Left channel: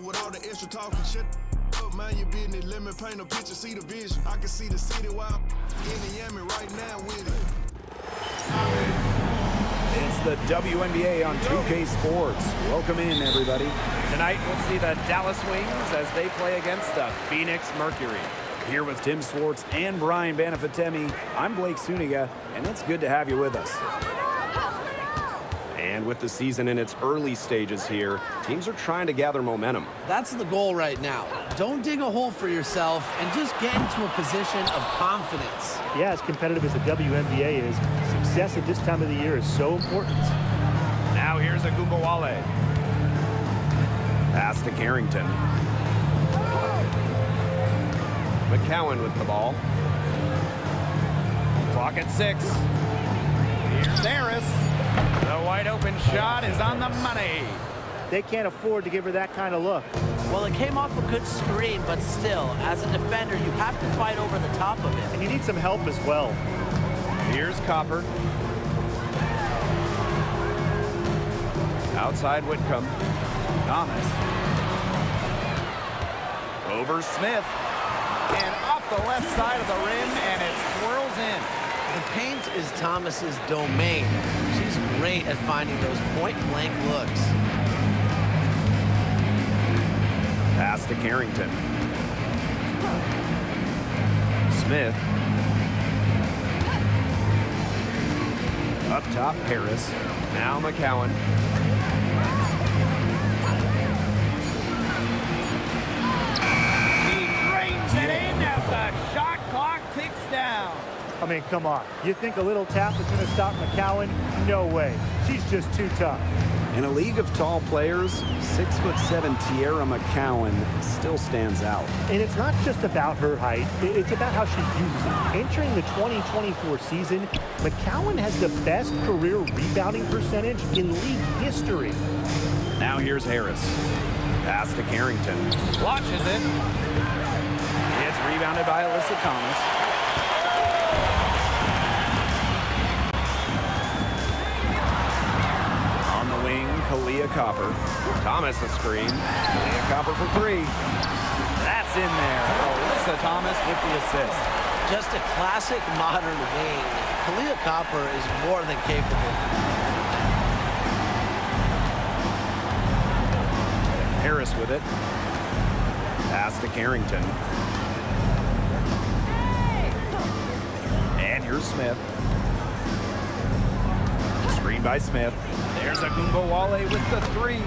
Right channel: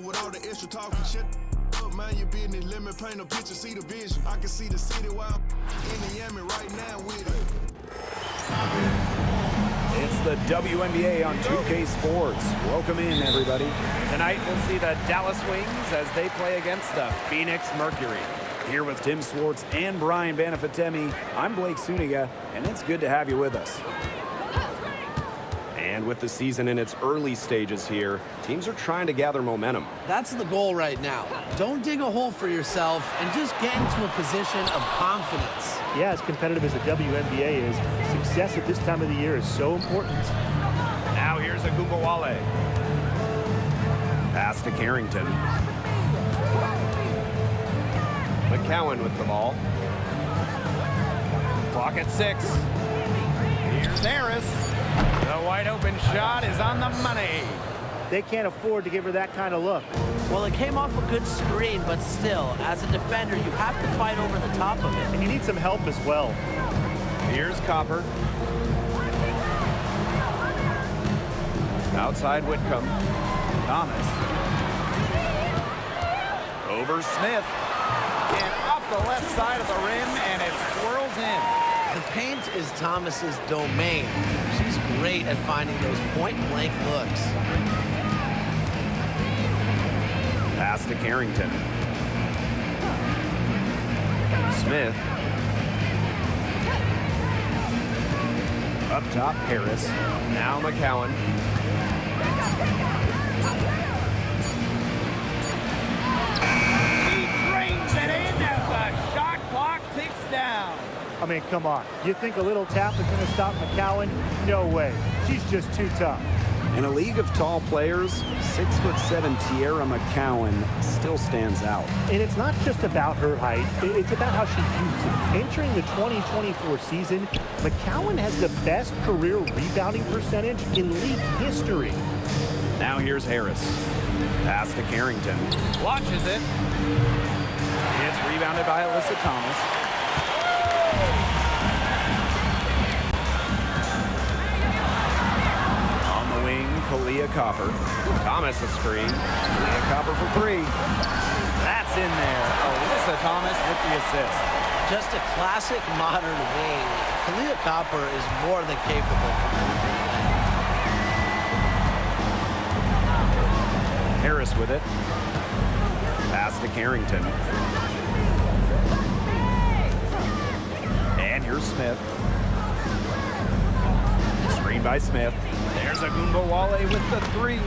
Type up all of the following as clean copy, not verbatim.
With all the extra talking shit, up, mind your business, let me paint a picture, see the vision. I can see the city while I'm in the Yami right now with it. It's the WNBA on 2K Sports. Welcome in, everybody. Tonight we'll see the Dallas Wings as they play against the Phoenix Mercury. Here with Tim Swartz and Brian Banafitemi, I'm Blake Suniga, and it's good to have you with us. And with the season in its early stages here, teams are trying to gather momentum. That's the goal right now. Don't dig a hole for yourself and just get into a position of confidence. Yeah, as competitive as the WNBA is, success at this time of the year is so important. Now here's Agumbawale. Pass to Carrington. McCowan with the ball. Clock at 6. Here's Harris. The wide open shot is on the money. They can't afford to give her that kind of look. Well, it came off a good screen, but still, as a defender, you have to fight over the top of it. And you need some help as well. Here's Copper. Outside Whitcomb. Thomas. Over Smith. And off the left side of the rim, and it swirls in. The paint is Thomas's domain. She's great at finding those point-blank looks. Pass to Carrington. Smith. Up top, Harris. Now McCowan. He drains it in as the shot clock ticks down. I mean, come on. You think a little tap is going to stop McCowan? No way. She's just too tough. In a league of tall players, 6'7" Tierra McCowan still stands out. And it's not just about her height. It's about how she uses it. Entering the 2024 season, McCowan has the best career rebounding percentage in league history. Now here's Harris. Pass to Carrington. Launches it. It's rebounded by Alyssa Thomas. On the wing, Kalia Copper. Thomas a screen. Kalia Copper for 3. That's in there. Alyssa Thomas with the assist. Just a classic modern wing. Kalia Copper is more than capable for three-point land. Harris with it. Pass to Carrington. And here's Smith. Screen by Smith. There's Agumbawale with the 3.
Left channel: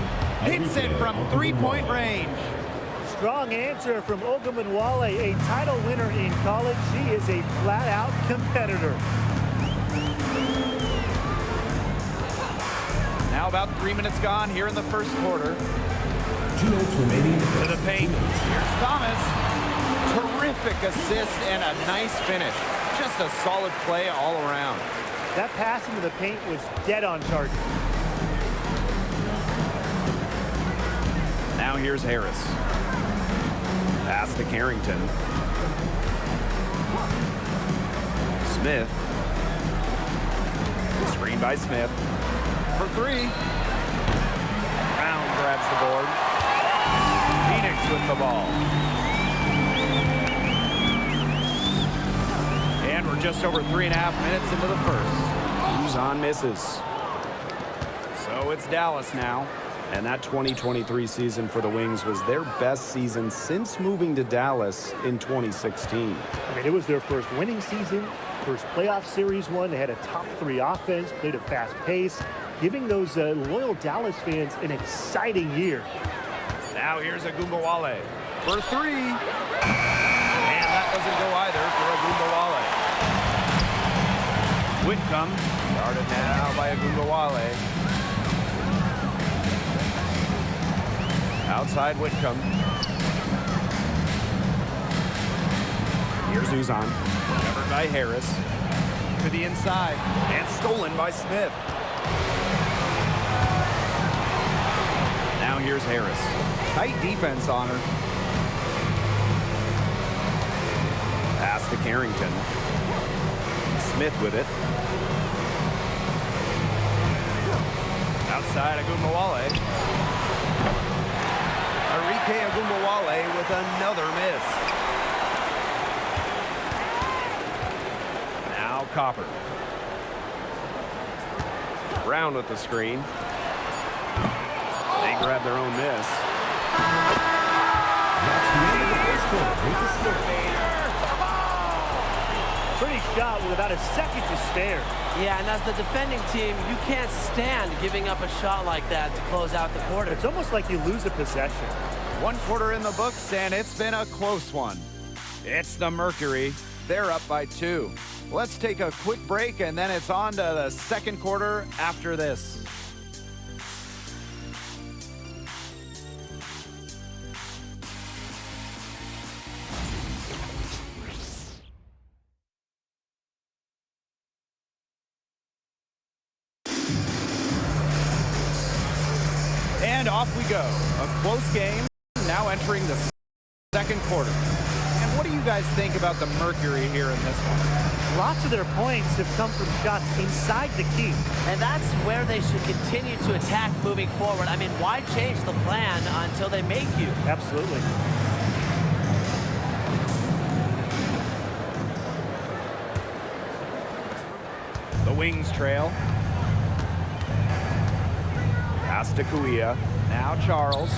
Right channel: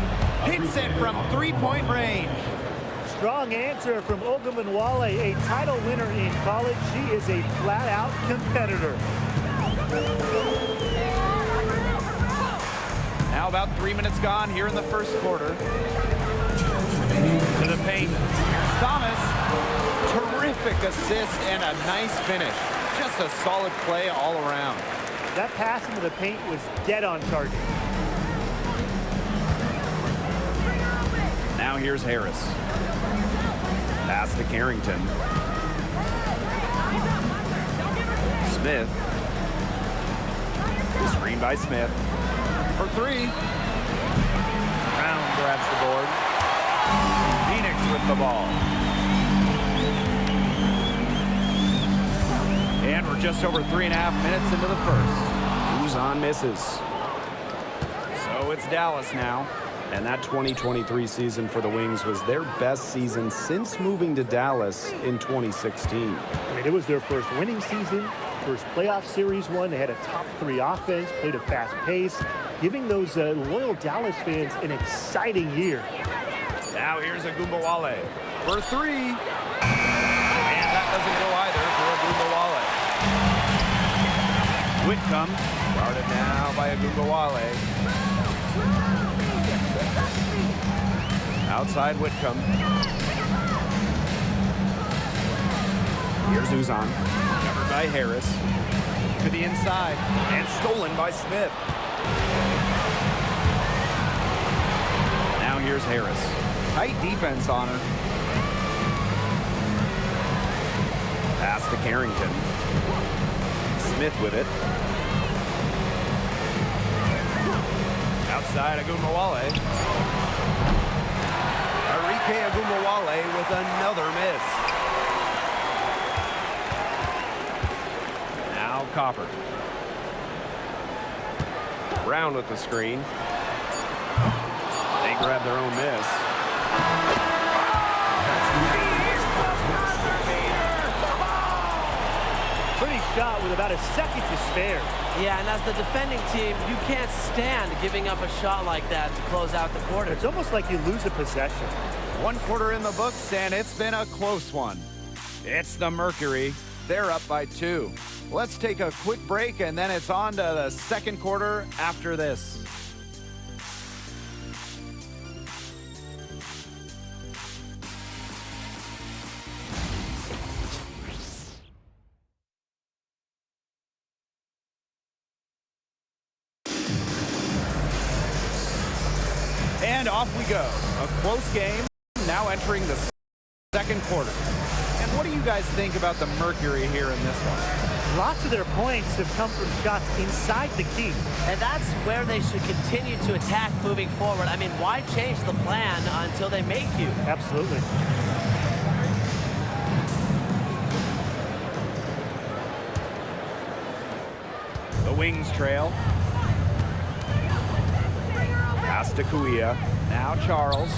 Hits it from three-point range. Strong answer from Ogunbowale, a title winner in college. She is a flat-out competitor. Now about 3 minutes gone here in the first quarter. To the paint. Here's Thomas. Terrific assist and a nice finish. Just a solid play all around. That pass into the paint was dead on target. Now here's Harris. Pass to Carrington. Smith. Screen by Smith. For 3. Brown grabs the board. Phoenix with the ball. And we're just over 3.5 minutes into the first. Uzan misses. So it's Dallas now. And that 2023 season for the Wings was their best season since moving to Dallas in 2016. I mean, it was their first winning season, first playoff series one. They had a top 3 offense, played a fast pace, giving those loyal Dallas fans an exciting year. Now here's Agumbawale for 3. And that doesn't go either for Agumbawale. Whitcomb guarded now by Agumbawale. Outside Whitcomb. Here's Uzan. Covered by Harris. To the inside. And stolen by Smith. Now here's Harris. Tight defense on her. Pass to Carrington. Smith with it. Outside Agumbawale. Arike Agumbawale with another miss. Now Copper. Brown with the screen. They grab their own miss. Pretty shot with about a second to spare. Yeah, and as the defending team, you can't stand giving up a shot like that to close out the quarter. It's almost like you lose a possession. 1 quarter in the books, and it's been a close one. It's the Mercury. They're up by 2. Let's take a quick break, and then it's on to the second quarter after this. And off we go. A close game, now entering the second quarter. And what do you guys think about the Mercury here in this one? Lots of their points have come from shots inside the key. And that's where they should continue to attack moving forward. I mean, why change the plan until they make you? Absolutely. The Wings trail. Pass to Kuia. Now Charles.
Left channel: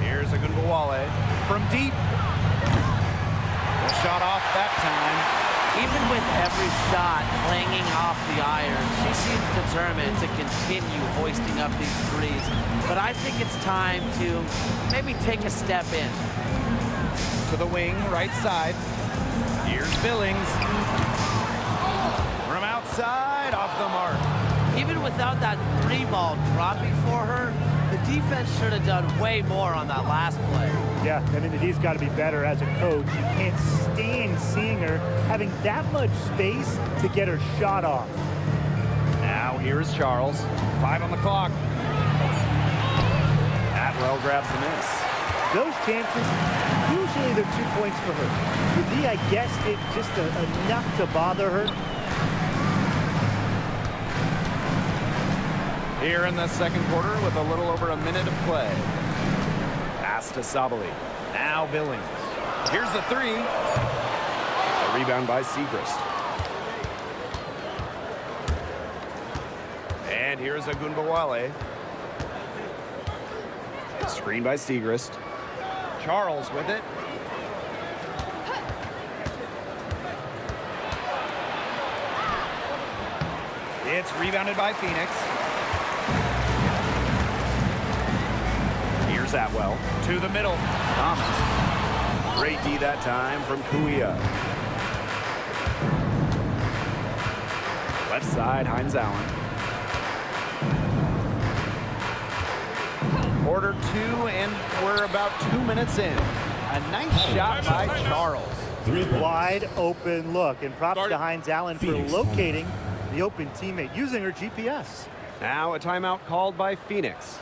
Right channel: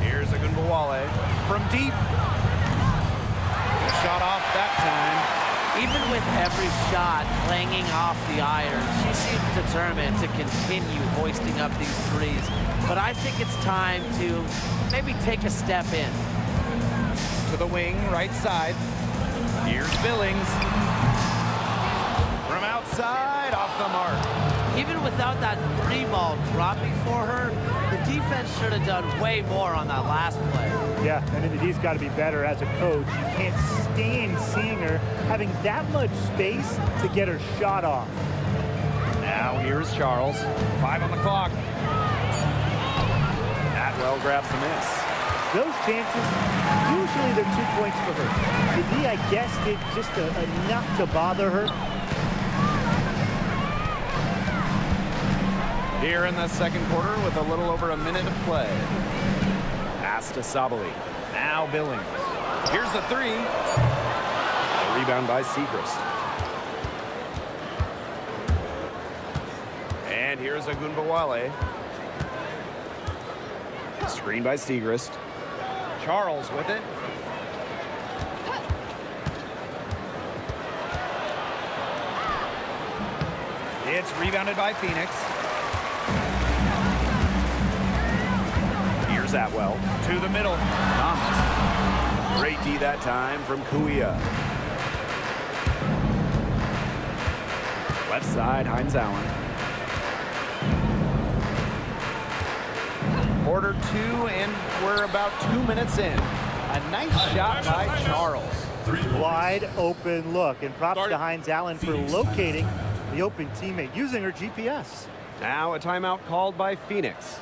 Here's Agunbawale. From deep. Shot off that time. Even with every shot clanging off the iron, she seems determined to continue hoisting up these threes. But I think it's time to maybe take a step in. To the wing, right side. Here's Billings. From outside, off the mark. Even without that 3-ball dropping for her, the defense should have done way more on that last play. Yeah, I mean, he's got to be better as a coach. You can't stand seeing her having that much space to get her shot off. Now here's Charles. 5 on the clock. Atwell grabs the miss. Those chances, usually they're 2 points for her. The D, I guess, did just enough to bother her. Here in the second quarter with a little over a minute to play. Pass to Sabali. Now Billings. Here's the 3. The rebound by Segrist. And here's Agunbawale. Screen by Segrist. Charles with it. It's rebounded by Phoenix. Here's Atwell. To the middle. Thomas. Great D that time from Kuia. Left side, Hines Allen. Quarter 2, and we're about 2 minutes in. A nice shot by Charles. Wide open look, and props to Hines Allen for locating the open teammate using her GPS. Now a timeout called by Phoenix.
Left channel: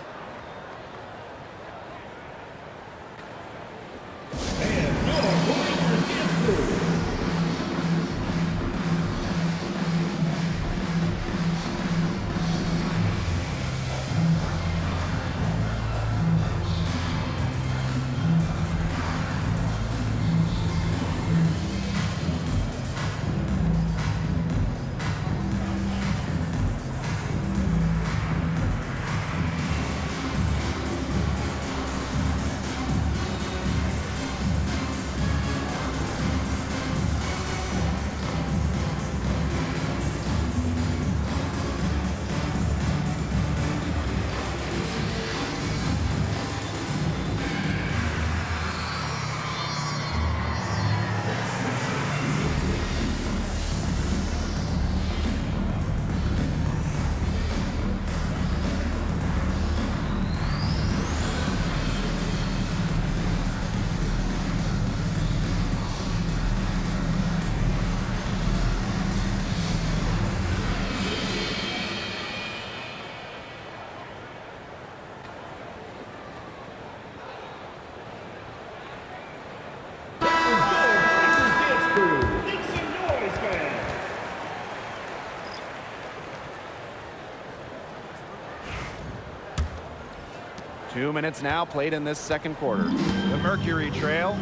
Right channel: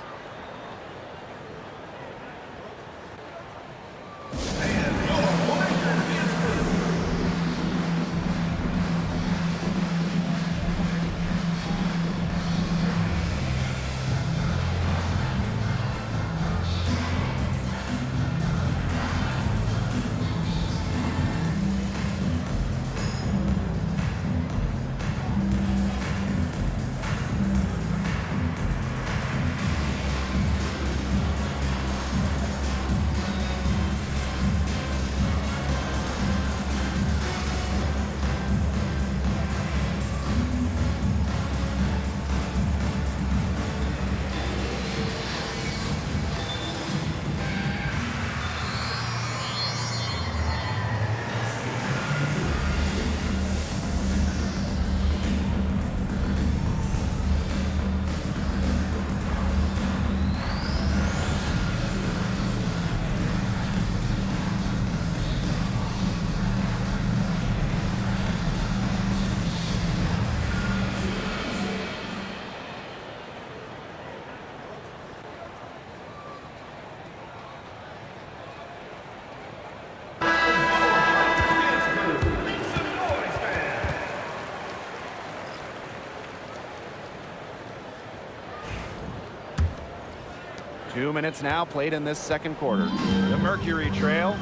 2 minutes now played in this second quarter. The Mercury trail.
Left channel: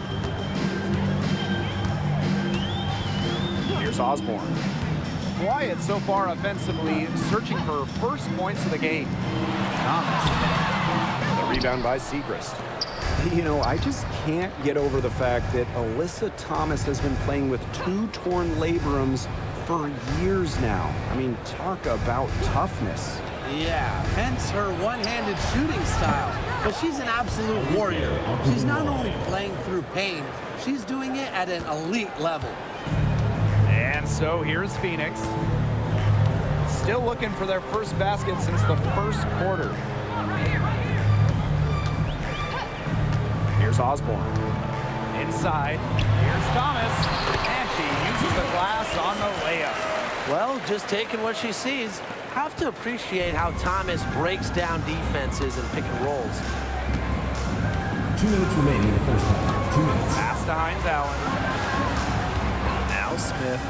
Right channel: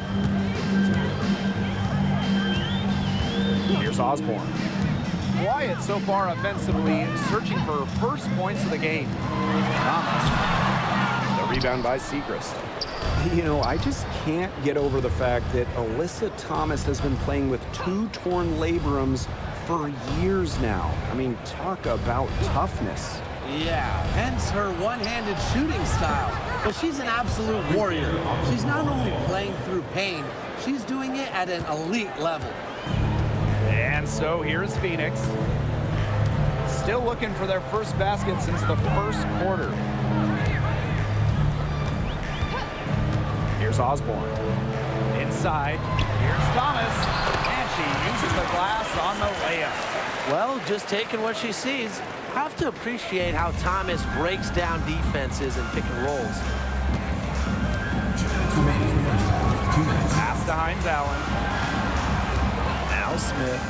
Here's Osborne. Quiet so far offensively, searching for first points of the game. Thomas. The rebound by Segrist. You know, I just can't get over the fact that Alyssa Thomas has been playing with 2 torn labrums for years now. I mean, talk about toughness. Yeah, hence her one-handed shooting style. But she's an absolute warrior. She's not only playing through pain, she's doing it at an elite level. And so here's Phoenix. Still looking for their first basket since the first quarter. Here's Osborne. Inside, here's Thomas. And she uses the glass on the layup. Well, just taking what she sees. Have to appreciate how Thomas breaks down defenses and pick and rolls. 2 minutes remaining in the first half. 2 minutes. Pass to Hines Allen. Now Smith.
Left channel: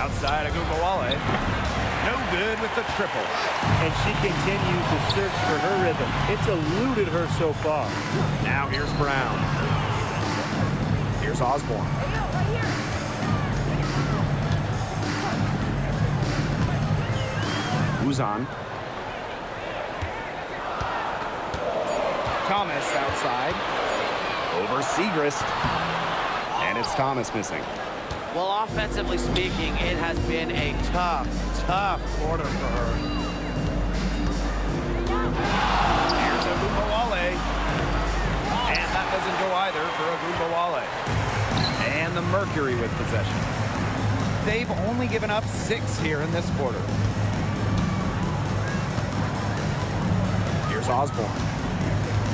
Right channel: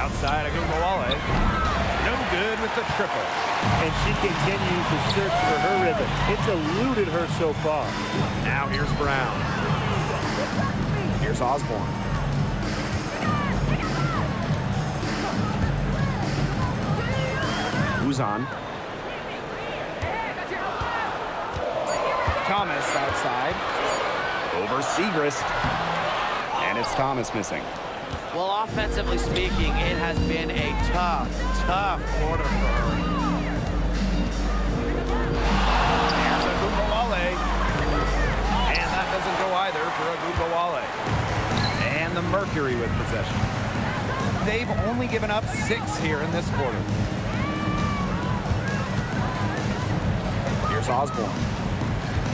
Outside Agumbawale. No good with the triple. And she continues to search for her rhythm. It's eluded her so far. Now here's Brown. Here's Osborne. Who's on? Thomas outside. Over Segrist. And it's Thomas missing. Well, offensively speaking, it has been a tough quarter for her. Here's Agumbawale. And that doesn't go either for Agumbawale. And the Mercury with possession. They've only given up 6 here in this quarter. Here's Osborne.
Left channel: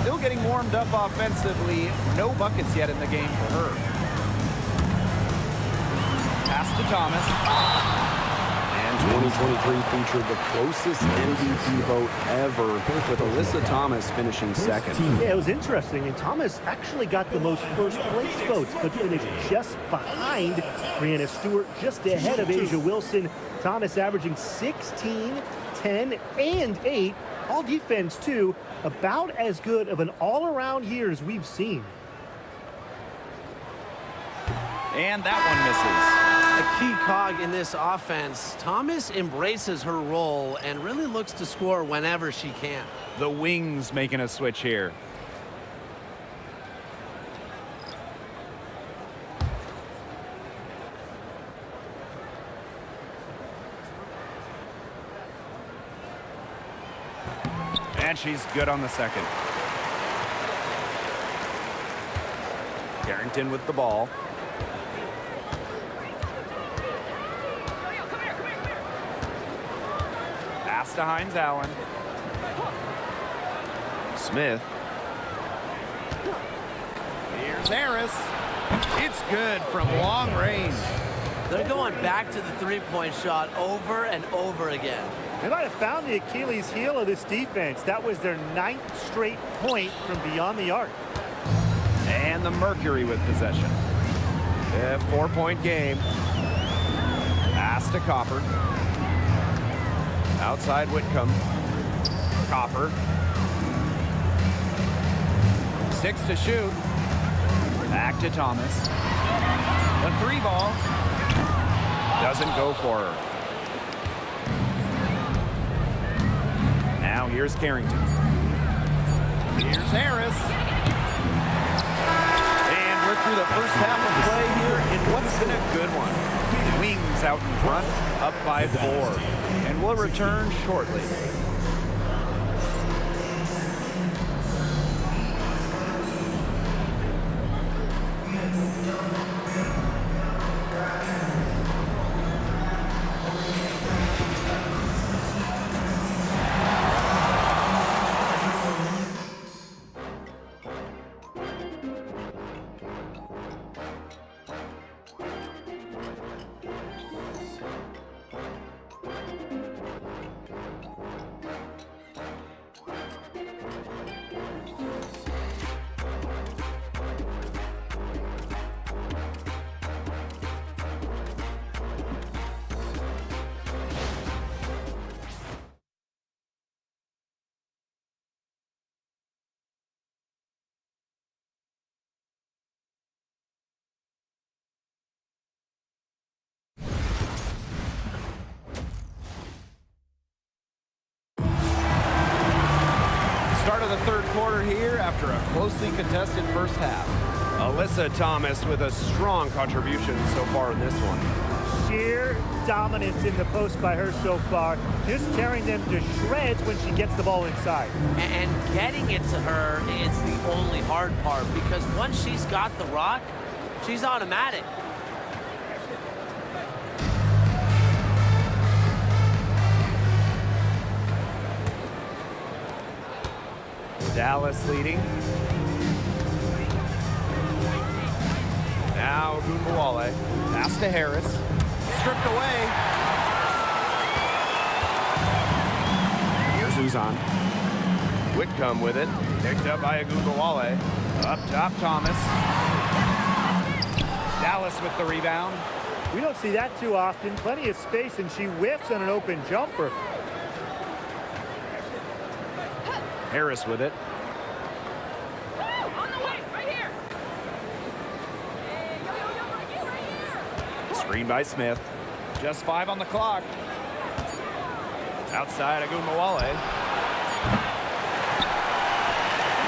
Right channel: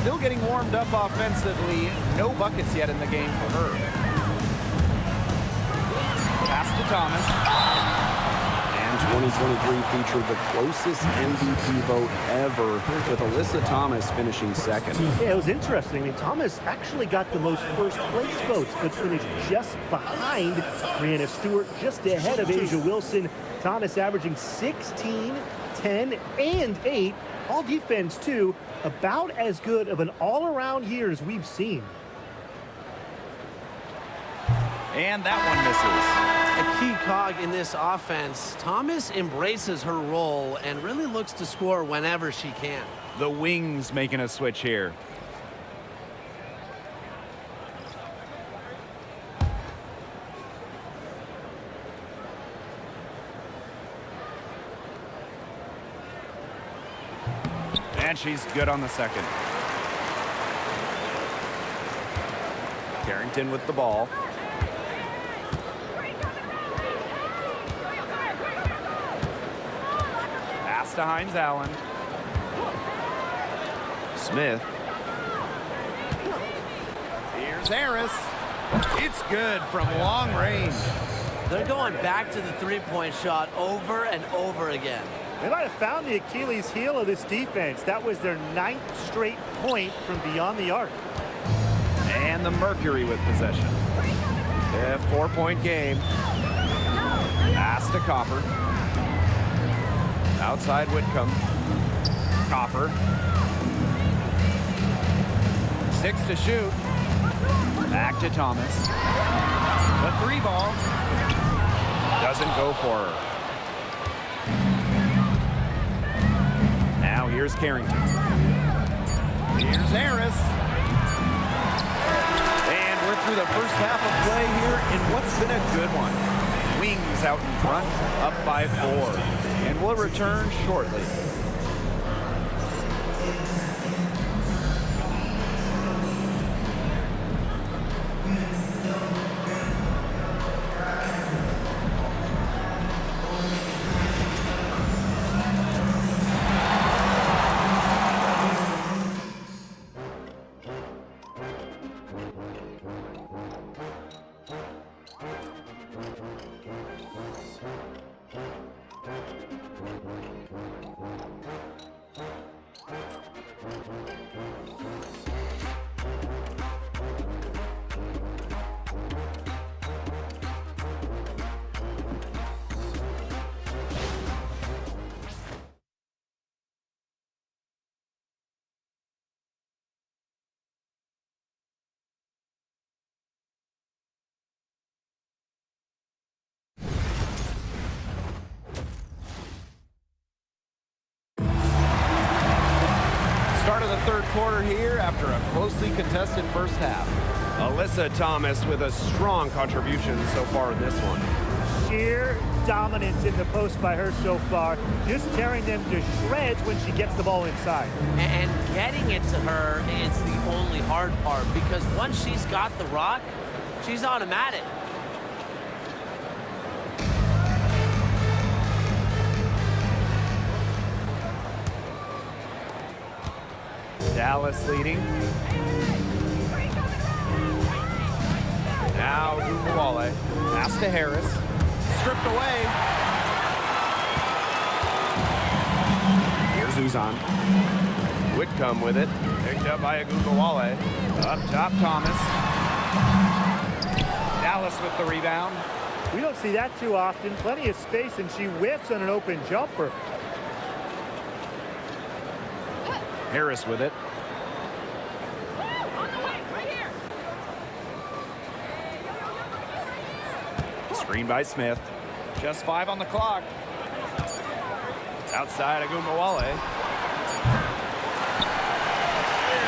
Still getting warmed up offensively. No buckets yet in the game for her. Pass to Thomas. And 2023 featured the closest MVP vote ever, with Alyssa Thomas finishing second. Yeah, it was interesting. I mean, Thomas actually got the most first place votes, but finished just behind Brianna Stewart, just ahead of Asia Wilson. Thomas averaging 16, 10, and 8. All defense, too. About as good of an all-around year as we've seen. And that one misses. A key cog in this offense. Thomas embraces her role and really looks to score whenever she can. The Wings making a switch here. And she's good on the second. Carrington with the ball. Pass to Hines Allen. Smith. Here's Harris. It's good from long range. They're going back to the three-point shot over and over again. They might have found the Achilles heel of this defense. That was their 9th straight point from beyond the arc. And the Mercury with possession. A 4-point game. Pass to Copper. Outside Whitcomb. Copper. 6 to shoot. Back to Thomas. The 3 ball. Doesn't go for her. Now here's Carrington. Here's Harris. And we're through the first half of play here in what's been a good one. Wings out in front, up by 4. And we'll return shortly. Start of the third quarter here after a closely contested first half. Alyssa Thomas with a strong contribution so far in this one. Sheer dominance in the post by her so far, just tearing them to shreds when she gets the ball inside. And getting it to her is the only hard part, because once she's got the rock, she's automatic. Dallas leading. Now Gumbawale. Pass to Harris. Stripped away. Here's Uzan. Whitcomb with it. Picked up by Gumbawale. Up top, Thomas. Dallas with the rebound. We don't see that too often. Plenty of space, and she whiffs on an open jumper. Harris with it. On the way, right here. Hey, yo, right here. Screen by Smith. Just 5 on the clock. Outside Gumbawale.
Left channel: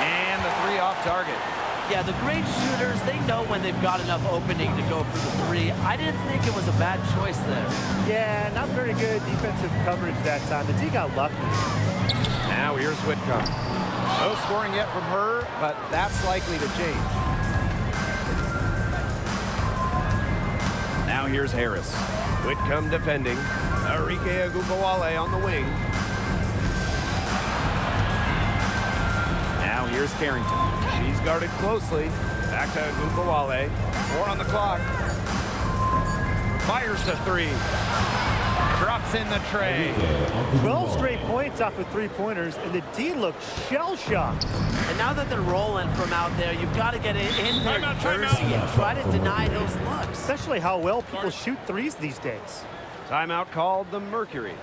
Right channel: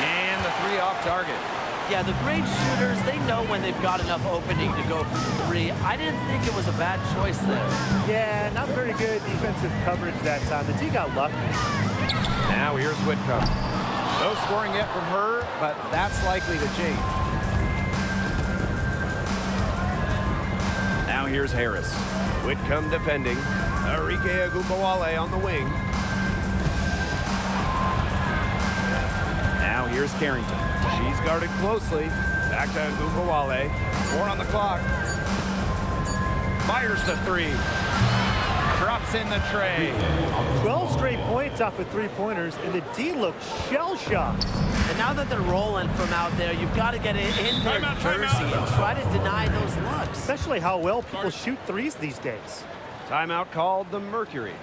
And the 3 off target. Yeah, the great shooters, they know when they've got enough opening to go for the 3. I didn't think it was a bad choice there. Yeah, not very good defensive coverage that time. The D got lucky. Now here's Whitcomb. No scoring yet from her, but that's likely to change. Now here's Harris. Whitcomb defending. Arike Gumbawale on the wing. Now here's Carrington. She's guarded closely. Back to Gumbawale. 4 on the clock. Fires the 3. Drops in the tray. 12 straight points off of three-pointers, and the D looked shell-shocked. And now that they're rolling from out there, you've got to get it in their jersey and try to deny those looks. Especially how well people shoot threes these days. Timeout called the Mercury.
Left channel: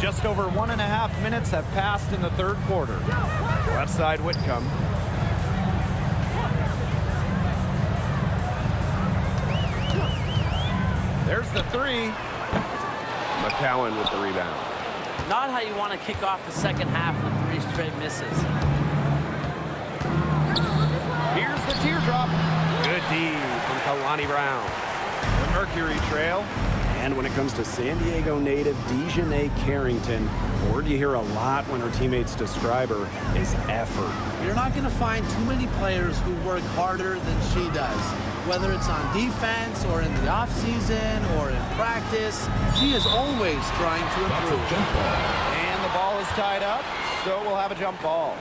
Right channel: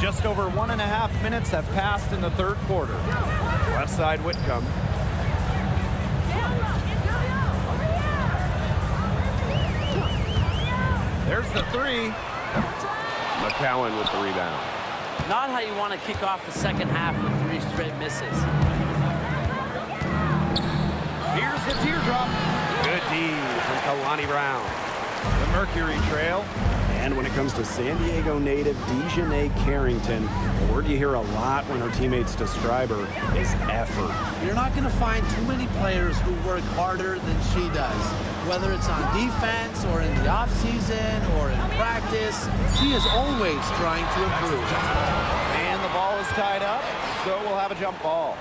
Just over 1.5 minutes have passed in the third quarter. Left side Whitcomb. There's the 3. McCowan with the rebound. Not how you want to kick off the second half with 3 straight misses. Here's the teardrop. Good D from Kalani Brown. The Mercury trail. And when it comes to San Diego native Dejanay Carrington, a word you hear a lot when her teammates describe her is effort. You're not going to find too many players who work harder than she does. Whether it's on defense or in the offseason or in practice, she is always trying to improve. And the ball is tied up, so we'll have a jump ball.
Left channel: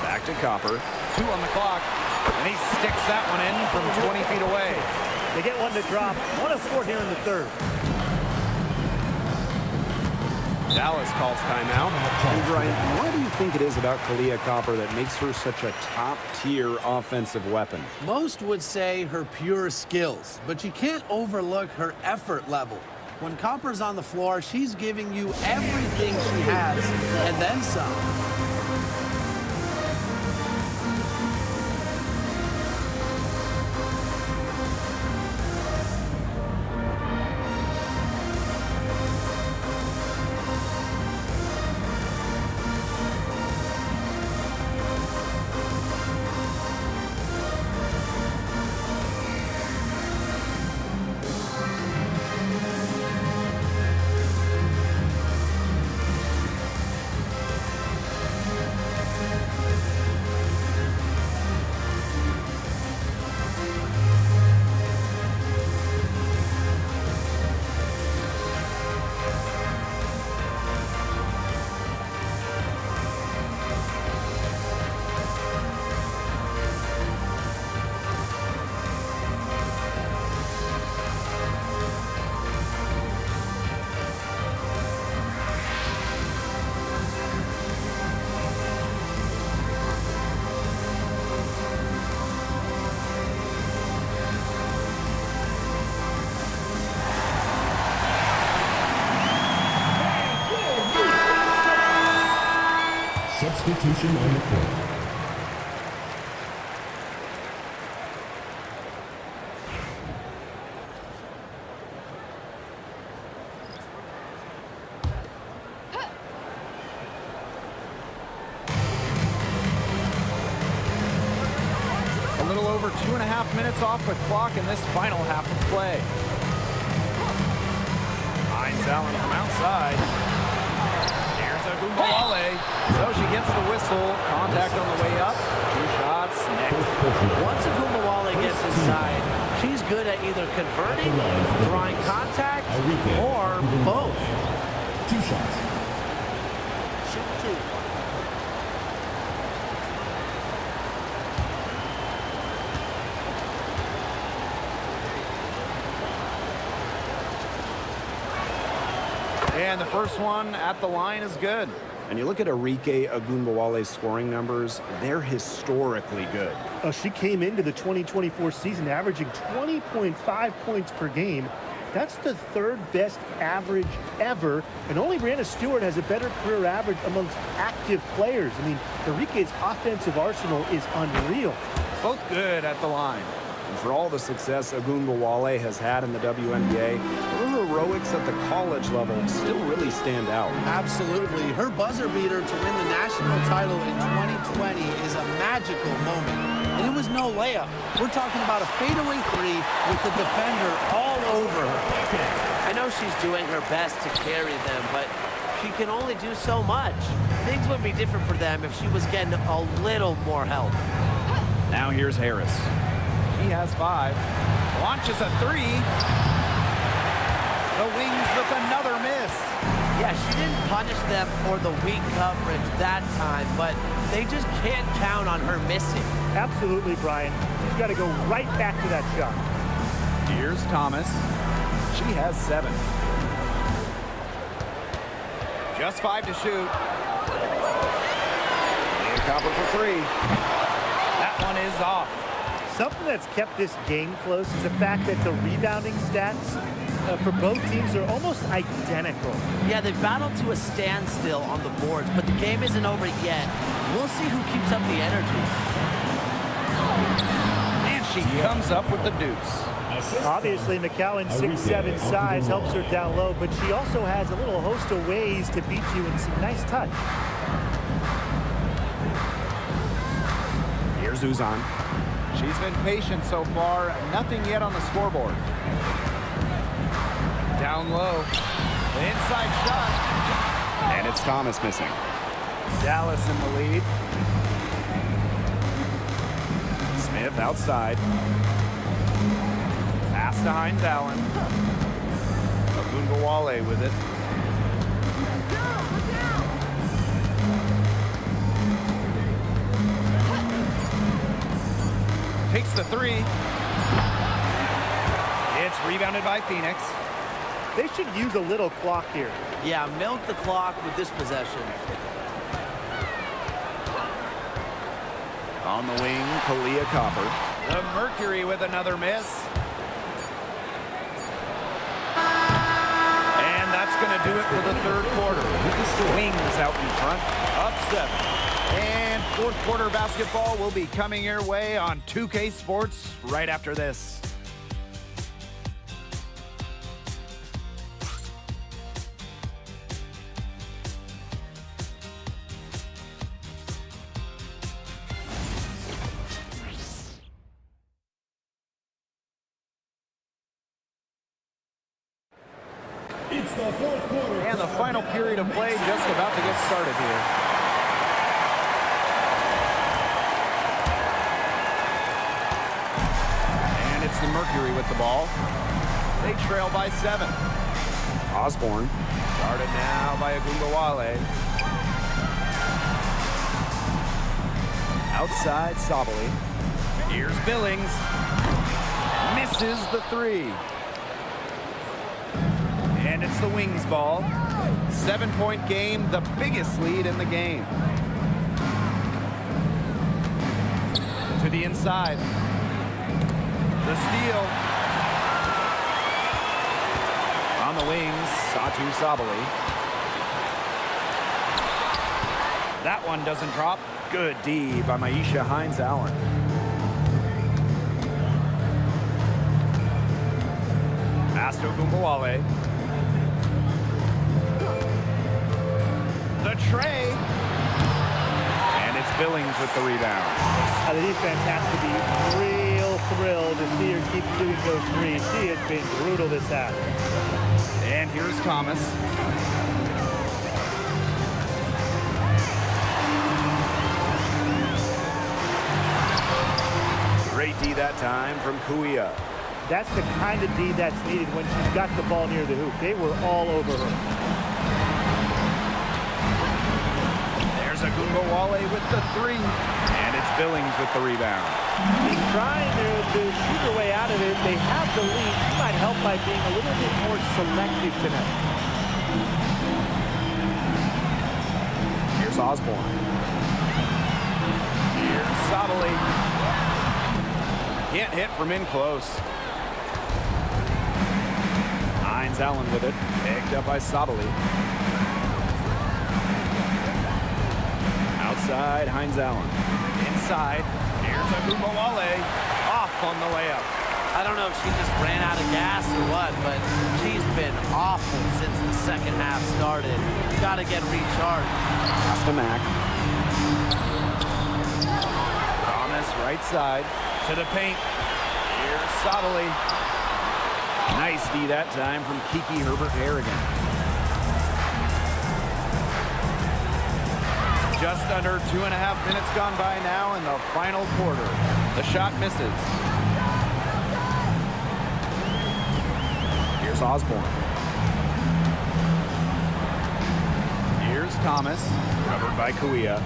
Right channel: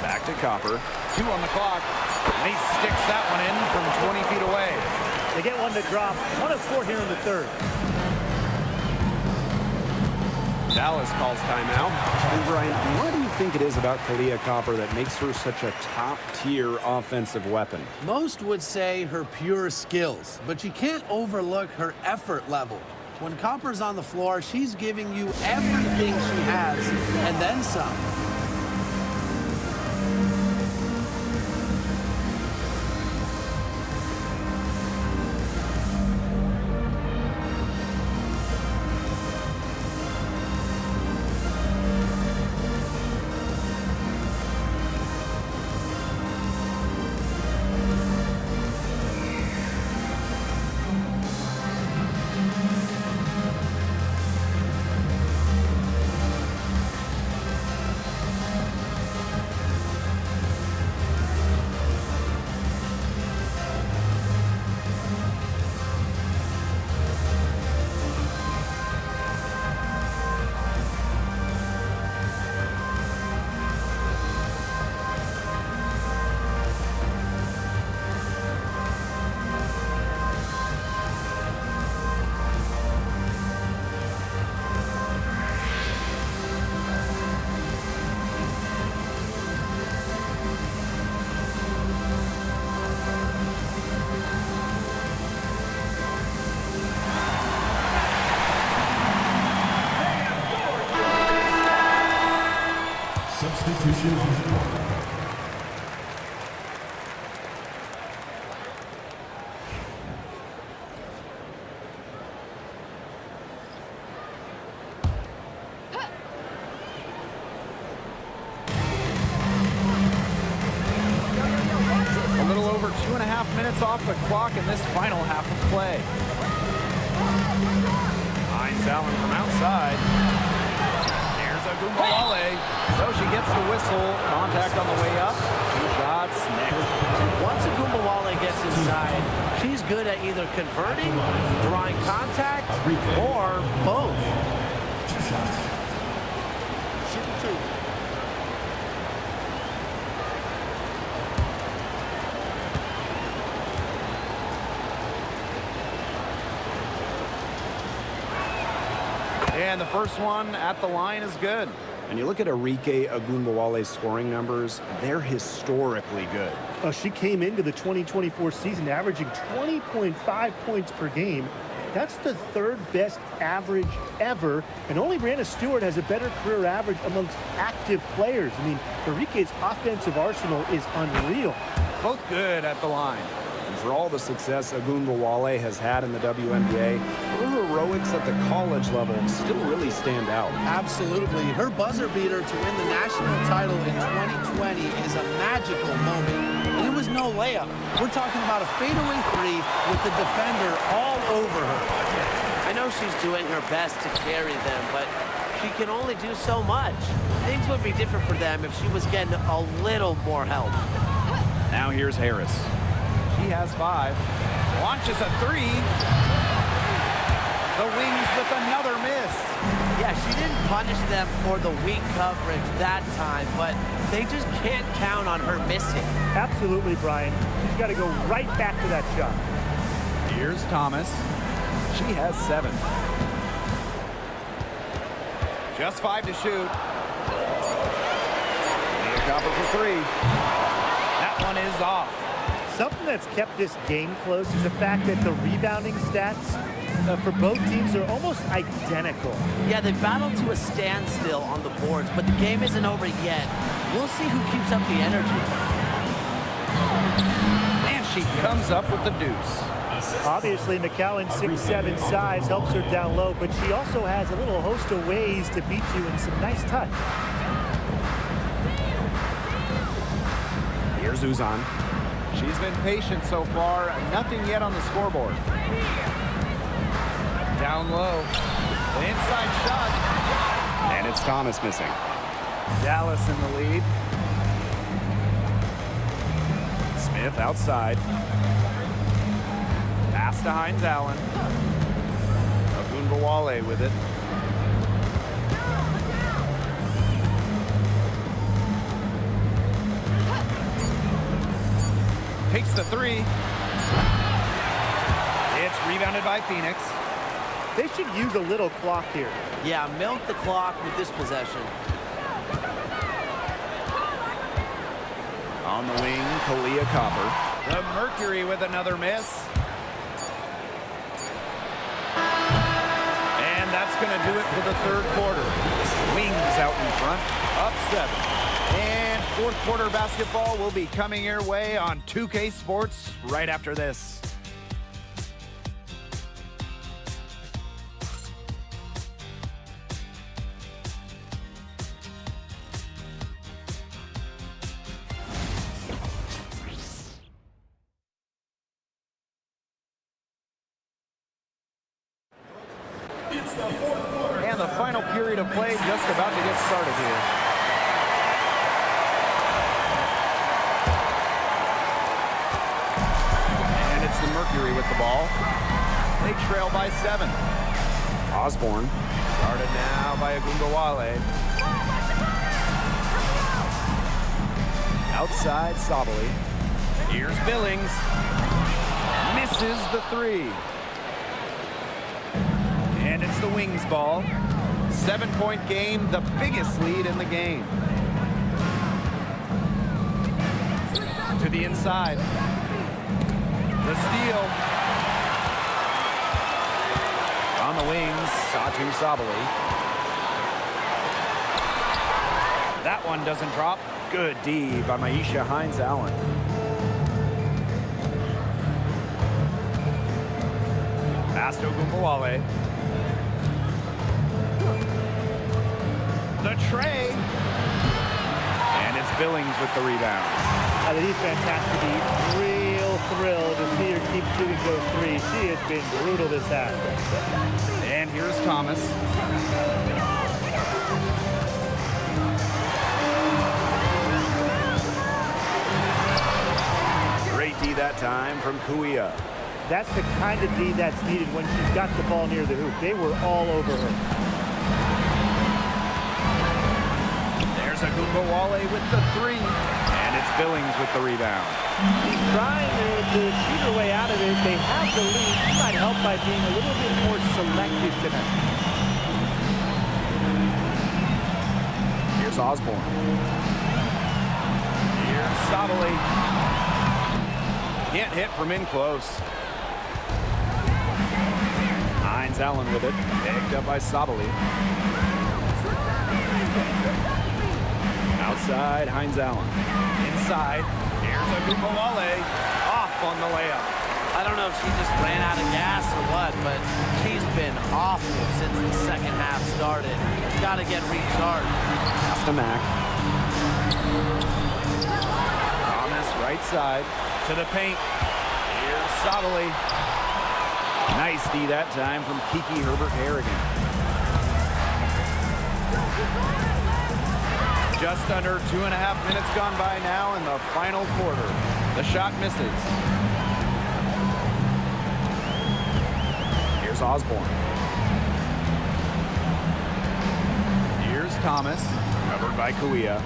Back to Copper. 2 on the clock. And he sticks that one in from 20 feet away. They get one to drop. 1 of 4 here in the third. Dallas calls timeout. And Brian, what do you think it is about Kalia Copper that makes her such a top-tier offensive weapon? Most would say her pure skills, but you can't overlook her effort level. When Copper's on the floor, she's giving you everything she has and then some. Substitution on the court. A little over 2.5 minutes off the clock in this final half of play. Hines Allen from outside. Here's Agumbawale. So she gets the whistle. Contact on the way up. 2 shots next. Once Agumbawale gets inside, she's good at either converting, drawing contact, or both. 2 shots. Shoot 2. And the first one at the line is good. And you look at Arike Agumbawale's scoring numbers, they're historically good. She came into the 2024 season averaging 20.5 points per game. That's the 3rd best average ever, and only Brianna Stewart has a better career average amongst active players. I mean, Arike's offensive arsenal is unreal. Both good at the line. And for all the success Agumbawale has had in the WNBA, her heroics at the college level still really stand out. Absolutely. Her buzzer beater to win the national title in 2020 is a magical moment. And it was no layup. We're talking about a fadeaway 3 with the defender all over her. I know she's doing her best to carry them, but she can only do so much. Things would be different for them if she was getting a little more help. Now here's Harris. He has 5. Launches a 3. The Wings with another miss. Yeah, she didn't punish them for the weak coverage that time, but they just can't count on her missing. Absolutely, Brian. She's got to go right back to that shot. Here's Thomas. She has 7. Just 5 to shoot. Leah Copper for 3. That one is off. Something that's kept this game close is the fact that the rebounding stats for both teams are almost identical. Yeah, they've battled to a standstill on the boards, but the game isn't over yet. We'll see who keeps up the energy. And she comes up with the deuce. Obviously, McCowan's 6'7" size helps her down low, but she also has a little host of ways to beat you in some nice touch. Here's Uzan. She's been patient so far. Nothing yet on the scoreboard. Down low. The inside shot. And it's Thomas missing. Dallas in the lead. Smith outside. Pass to Hines Allen. Agumbawale with it. Takes the 3. It's rebounded by Phoenix. They should use a little clock here. Yeah, milk the clock with this possession. On the wing, Kalia Copper. The Mercury with another miss. And that's going to do it for the third quarter. Wings out in front, up 7. And fourth quarter basketball will be coming your way on 2K Sports right after this. It's the fourth quarter. And the final period of play just about to get started here. And it's the Mercury with the ball. They trail by 7. Osborne. Guarded now by Agumbawale. Outside Sabali. Here's Billings. Misses the 3. And it's the Wings ball. 7-point game, the biggest lead in the game. To the inside. The steal. On the wings, Satu Sabali. That one doesn't drop. Good D by Maisha Hines-Allen. Pass to Agumbawale. The tray. And it's Billings with the rebound. The defense has to be real thrilled to see her keep shooting those threes. She has been brutal this half. And here's Thomas. Great D that time from Kuia. That's the kind of D that's needed when she's got the ball near the hoop. They were all over her. There's Agumbawale with the 3. And it's Billings with the rebound. She's trying to shoot her way out of it. They have the lead. She might help by being a little bit more selective tonight. Here's Osborne. Here's Sabali. Can't hit from in close. Hines-Allen with it. Picked up by Sabali. Outside, Hines-Allen. Inside, here's Agumbawale. Off on the layup. I don't know if she just ran out of gas or what, but she's been awful since the second half started. Got to get recharged. Pass to Mack. Thomas right side to the paint. Here's Sabali. Nice D that time from Kiki Herbert-Harrigan. Just under 2.5 minutes gone by now in the final quarter. The shot misses. Here's Osborne. Here's Thomas, covered by Kuia.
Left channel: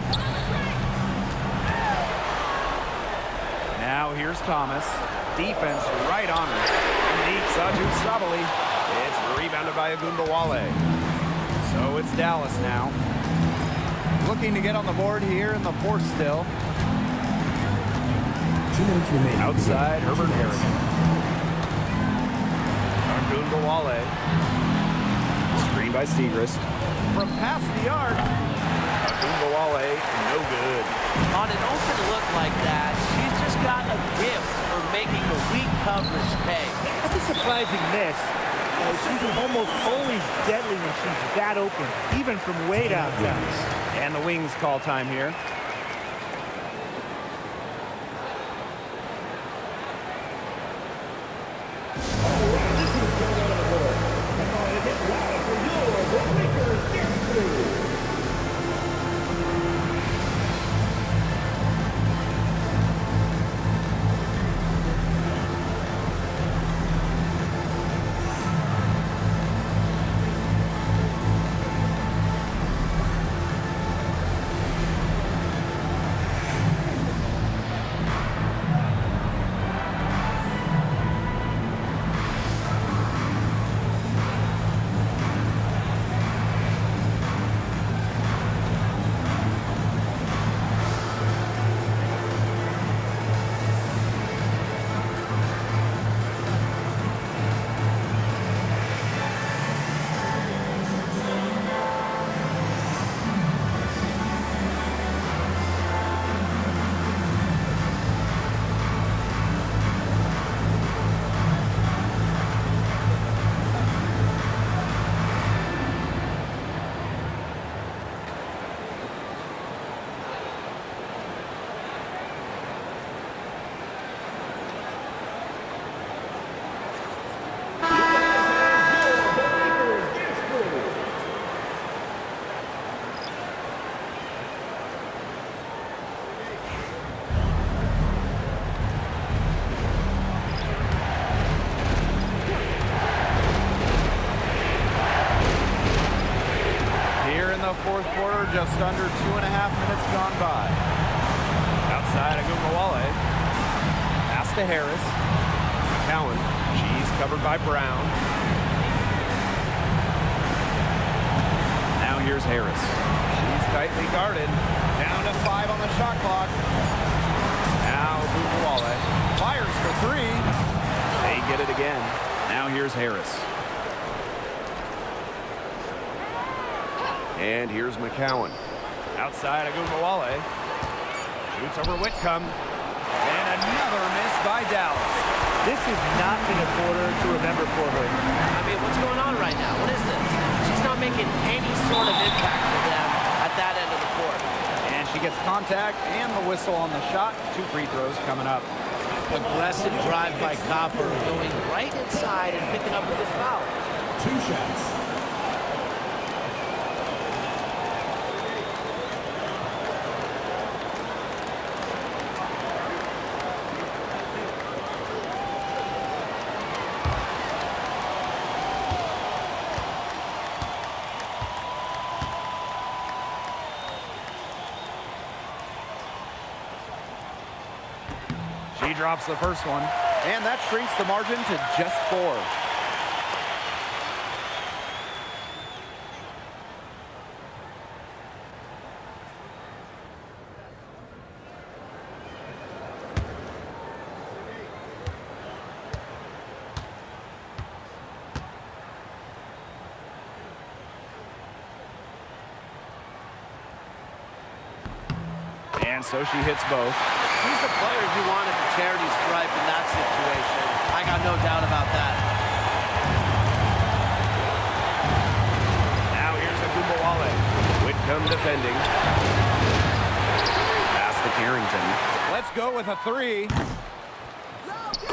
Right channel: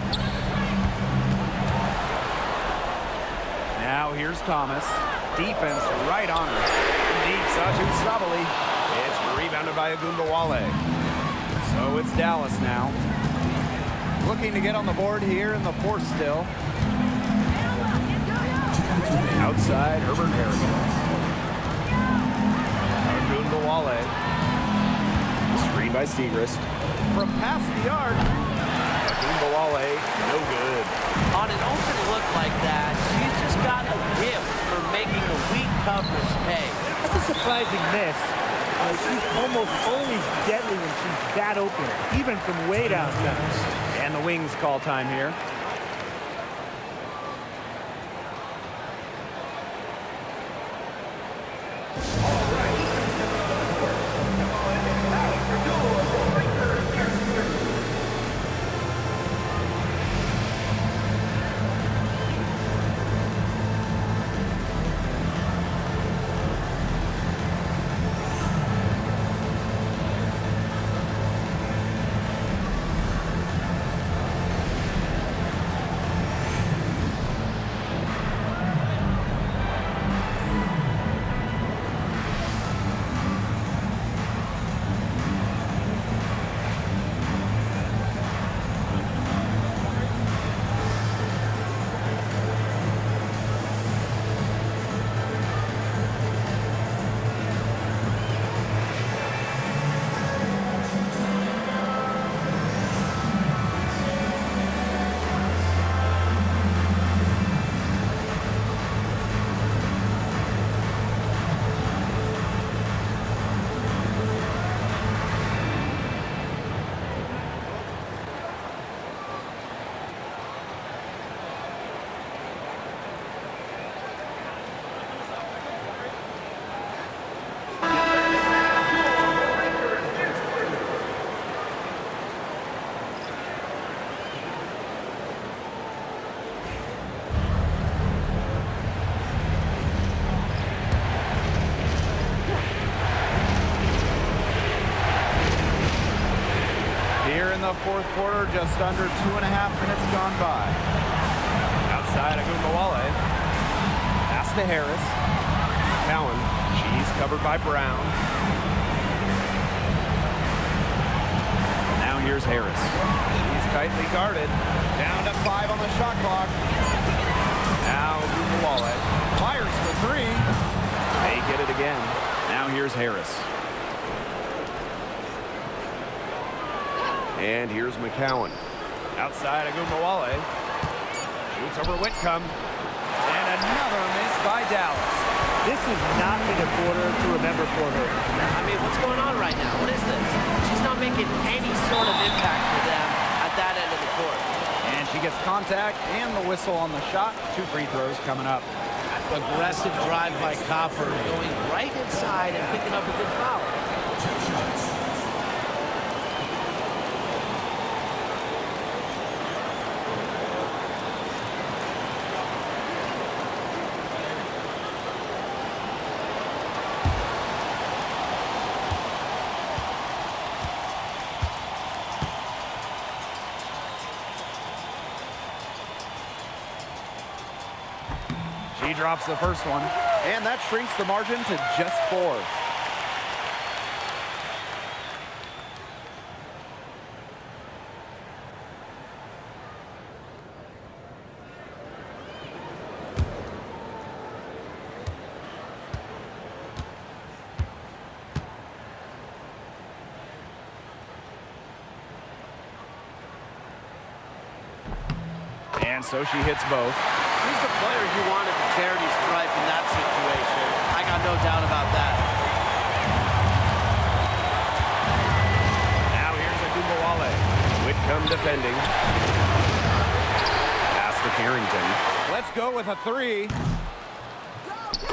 Now here's Thomas. Defense right on her. Deep Satu Sabali. It's rebounded by Agumbawale. So it's Dallas now. Looking to get on the board here in the fourth still. 2 minutes remaining. Outside, Herbert-Harrigan. Agumbawale. Screen by Segrist. From past the arc. Agumbawale, no good. On an open look like that, she's just got a gift for making the weak coverage pay. That's a surprising miss. She's almost always deadly when she's that open, even from way downtown. And the Wings call time here. Here in the fourth quarter, just under 2.5 minutes gone by. Outside Agumbawale. Pass to Harris. Cowan, she's covered by Brown. Now here's Harris. She's tightly guarded. Down to 5 on the shot clock. Now Agumbawale fires for 3. They get it again. Now here's Harris. And here's McCowan. Outside Agumbawale. Shoots over Whitcomb. And another miss by Dallas. This has not been a quarter to remember for her. I mean, what's going on right now? What is this? She's not making any sort of impact for them at that end of the court. And she gets contact and the whistle on the shot. 2 free throws coming up. Aggressive drive by Copper, going right inside and picking up a good foul. 2 shots. She drops the first one, and that shrinks the margin to just 4. And so she hits both. She's the player you want at the charity stripe in that situation. I got no doubt about that. Now here's Agumbawale. Whitcomb defending. Pass to Carrington. Let's go with a 3.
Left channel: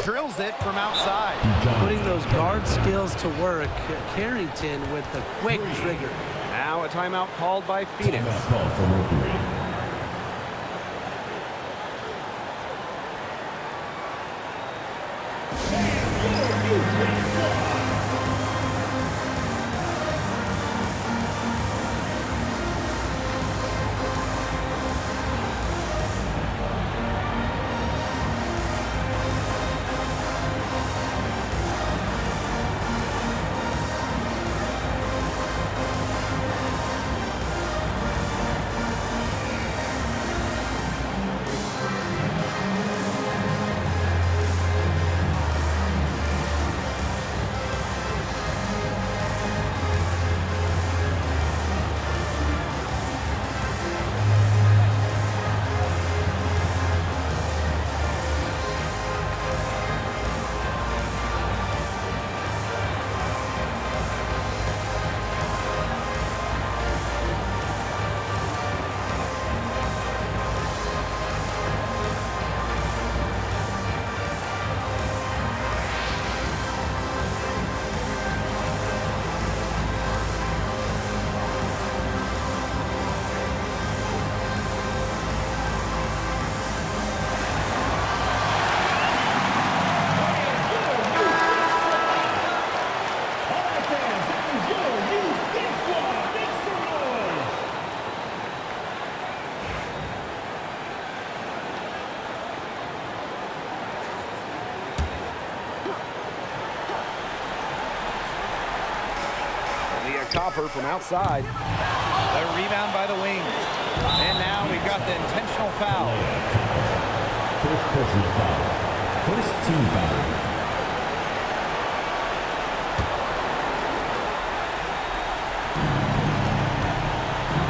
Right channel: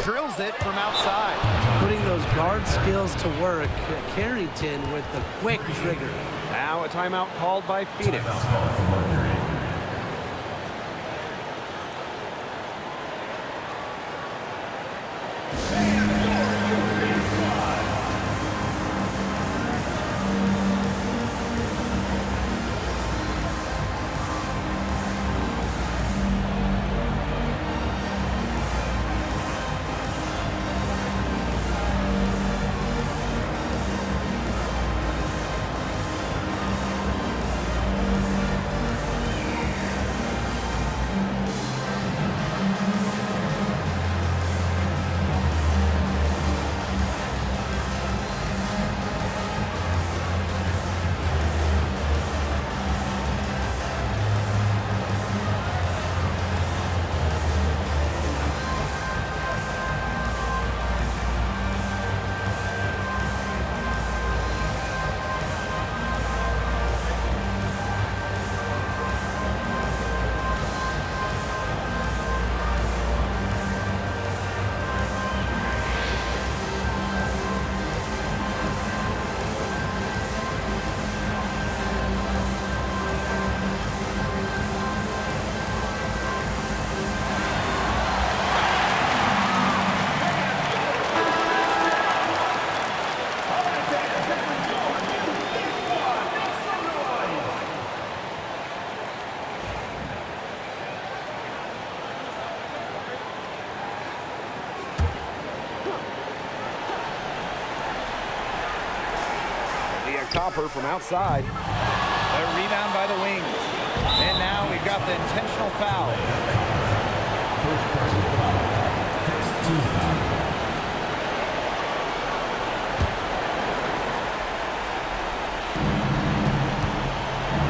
Drills it from outside. Putting those guard skills to work. Carrington with the quick trigger. Now a timeout called by Phoenix. Timeout called for Mercury. Copper from outside. The rebound by the wings. And now we've got the intentional foul. First personal foul. First team foul.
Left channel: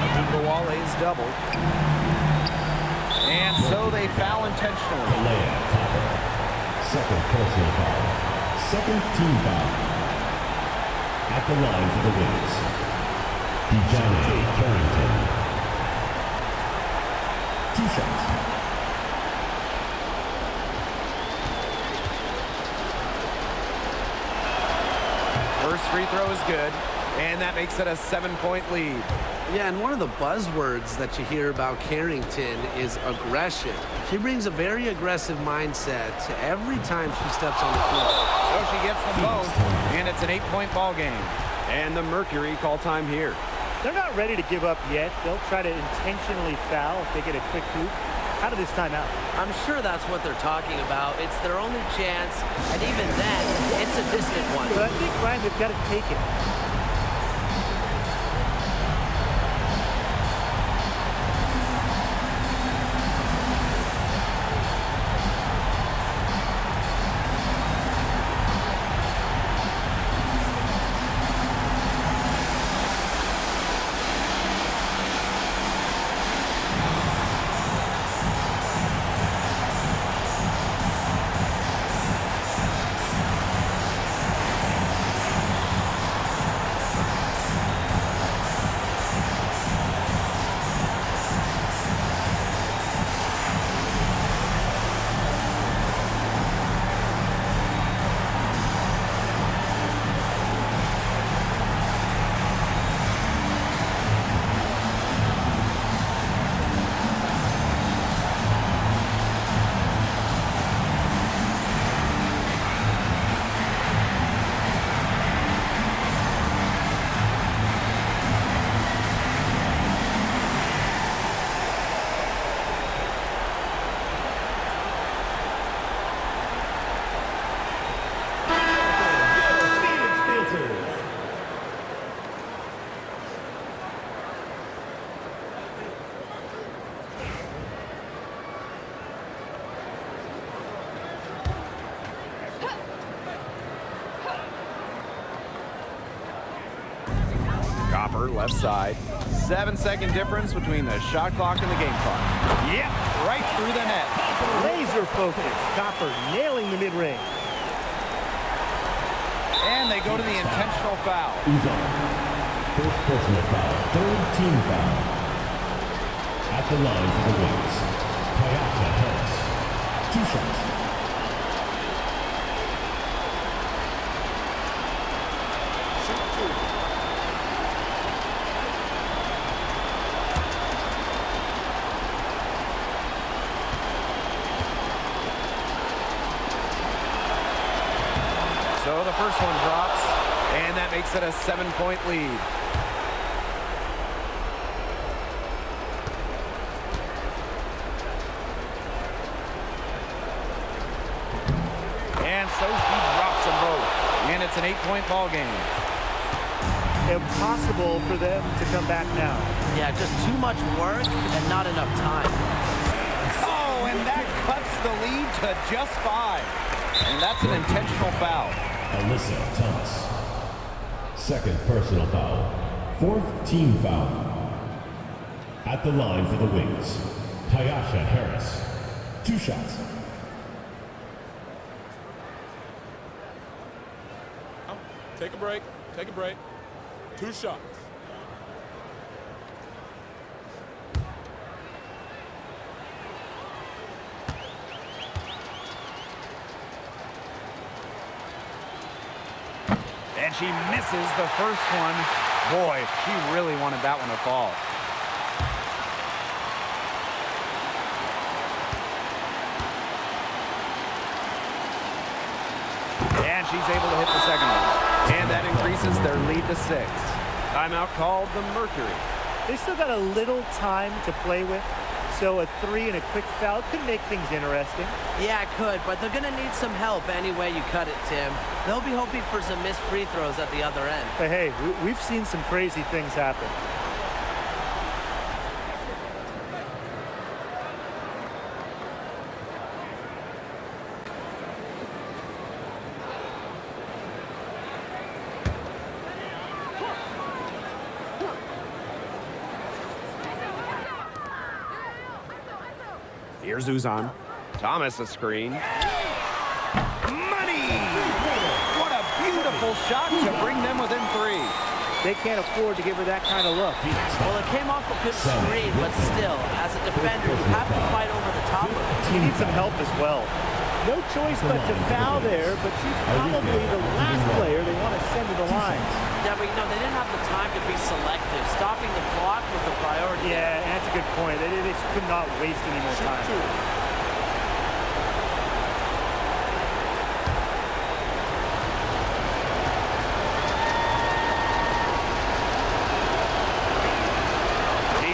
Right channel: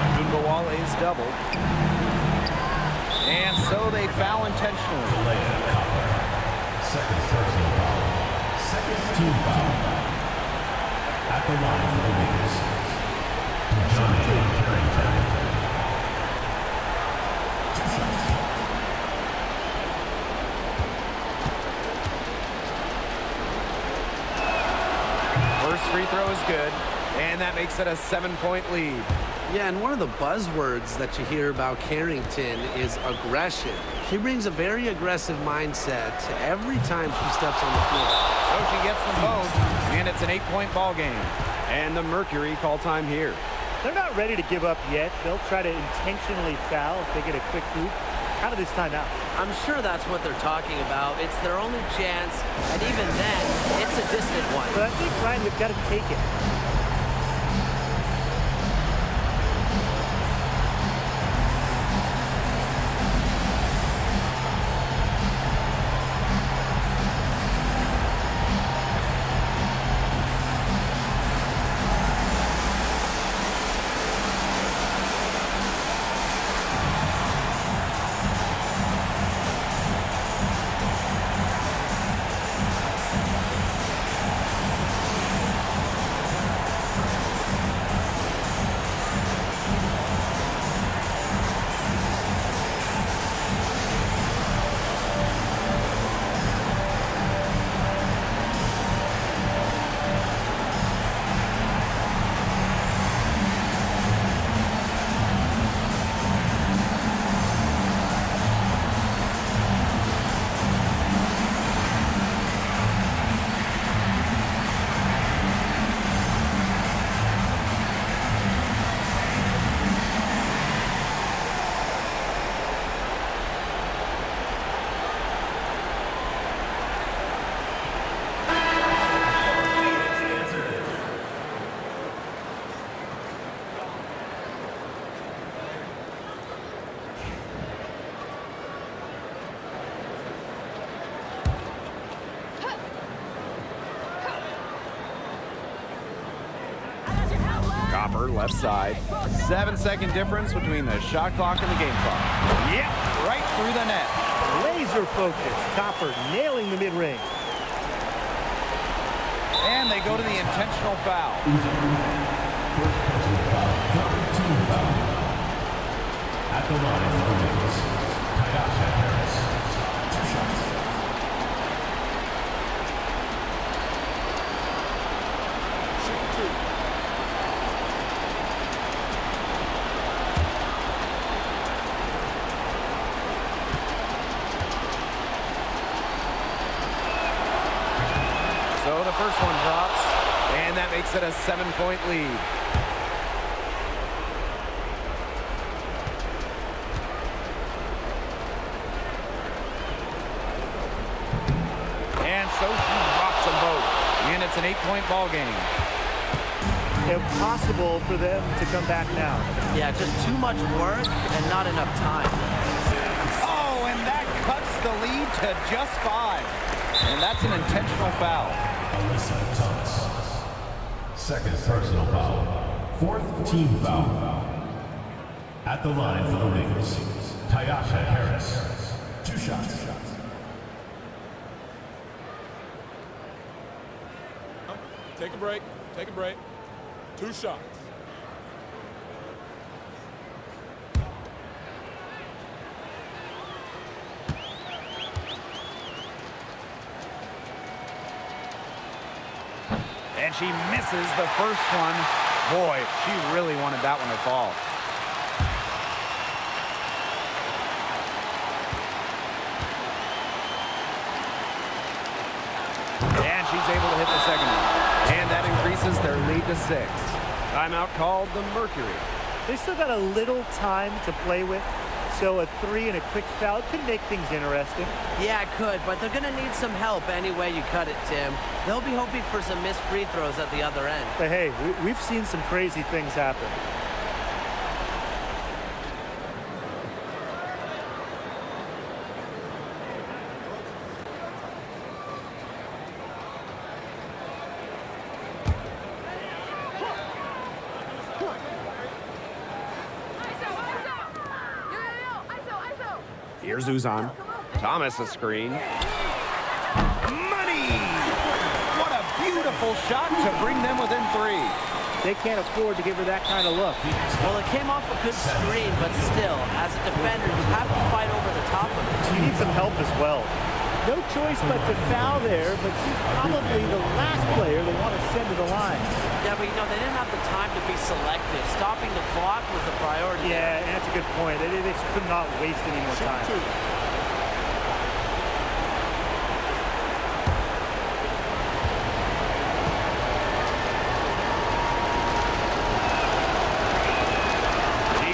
Agumbawale is doubled. And so they foul intentionally. Layup Copper. Second personal foul. Second team foul. At the line for the Wings, Johnny Carrington. 2 shots. First free throw is good, and that makes it a 7-point lead. Yeah, and one of the buzzwords that you hear about Carrington is aggression. She brings a very aggressive mindset to every time she steps on the floor. So she gets them both, and it's an 8-point ball game. And the Mercury call time here. They're not ready to give up yet. They'll try to intentionally foul if they get a quick hoop out of this timeout. I'm sure that's what they're talking about. It's their only chance, and even then, it's a distant one. But I think, Ryan, they've got to take it. Copper, left side. 7-second difference between the shot clock and the game clock. Yep, right through the net. Laser focus. Copper nailing the mid-range. And they go to the intentional foul. First personal foul, third team foul. At the line for the Wings, Tyasha Harris. 2 shots. Shoot 2. So the first one drops, and that makes it a 7-point lead. And so she drops them both, and it's an 8-point ball game. Impossible for them to come back now. Yeah, just too much work and not enough time. Oh, and that cuts the lead to just 5. And that's an intentional foul. Alyssa Thomas. Second personal foul. Fourth team foul. At the line for the Wings, Tyasha Harris. 2 shots. Take a break. Take a break. 2 shots. And she misses the first one. Boy, she really wanted that one to fall. And she's able to hit the second one. And that increases their lead to 6. Timeout called the Mercury. They still got a little time to play with, so a 3 and a quick foul could make things interesting. Yeah, it could, but they're going to need some help any way you cut it, Tim. They'll be hoping for some missed free throws at the other end. But hey, we've seen some crazy things happen. Here's Uzan. Thomas a screen. Money! What a beautiful shot to bring them within 3. They can't afford to give her that kind of look. Well, it came off a good screen, but still, as a defender, you have to fight over the top of it. You need some help as well. No choice but to foul there, but she's probably the last player they want to send to the line. Yeah, but you know, they didn't have the time to be selective. Stopping the clock was the priority. Yeah, and that's a good point. They just could not waste any more time. Shoot 2.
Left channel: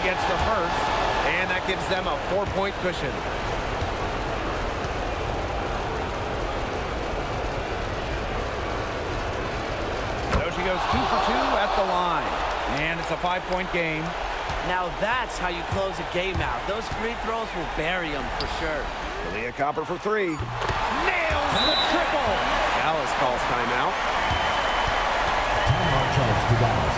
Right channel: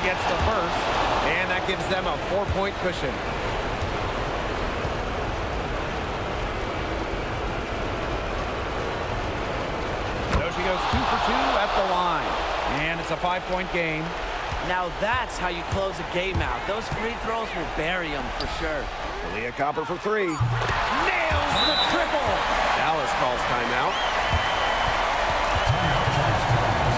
gets the first, and that gives them a 4-point cushion. So she goes 2 for 2 at the line, and it's a 5-point game. Now that's how you close a game out. Those free throws will bury them for sure. Leah Copper for 3. Nails the triple. Dallas calls timeout. Timeout charge to Dallas.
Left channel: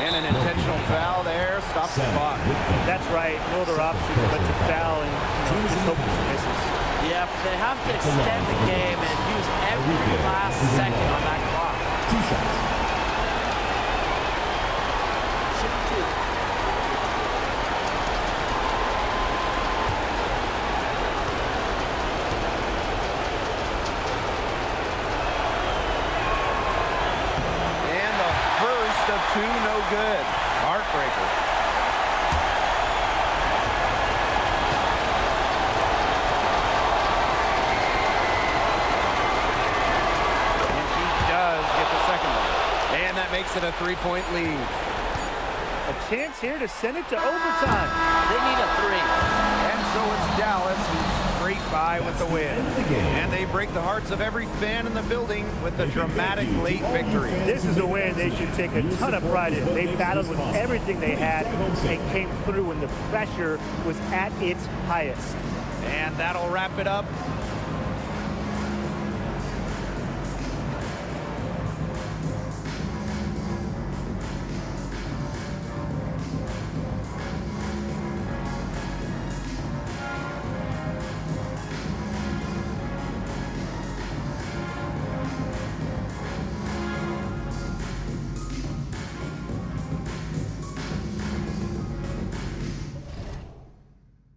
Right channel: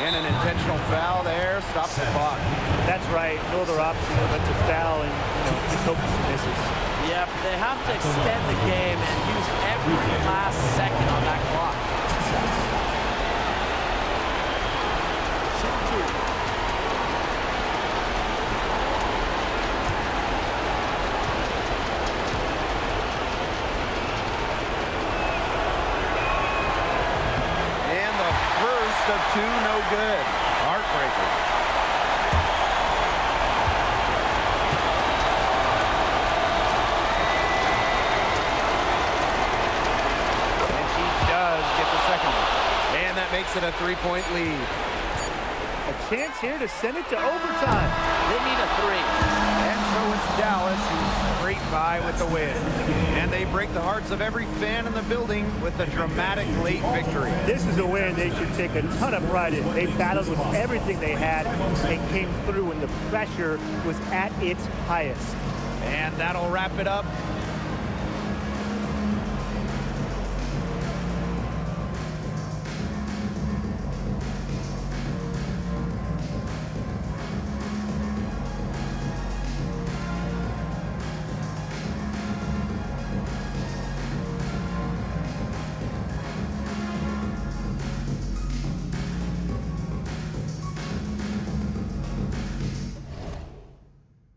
And an intentional foul there stops the clock. That's right. No other option but to foul and, just hope for some misses. Yeah, but they have to extend the game and use every last second on that clock. 2 shots. Shoot 2. First of 2, no good. Heartbreaker. And she does get the second one. And that makes it a 3-point lead. A chance here to send it to overtime. They need a 3. And so it's Dallas who scraped by with the win. And they break the hearts of every fan in the building with a dramatic late victory. This is a win they should take a ton of pride in. They battled with everything they had and came through when the pressure was at its highest. And that'll wrap it up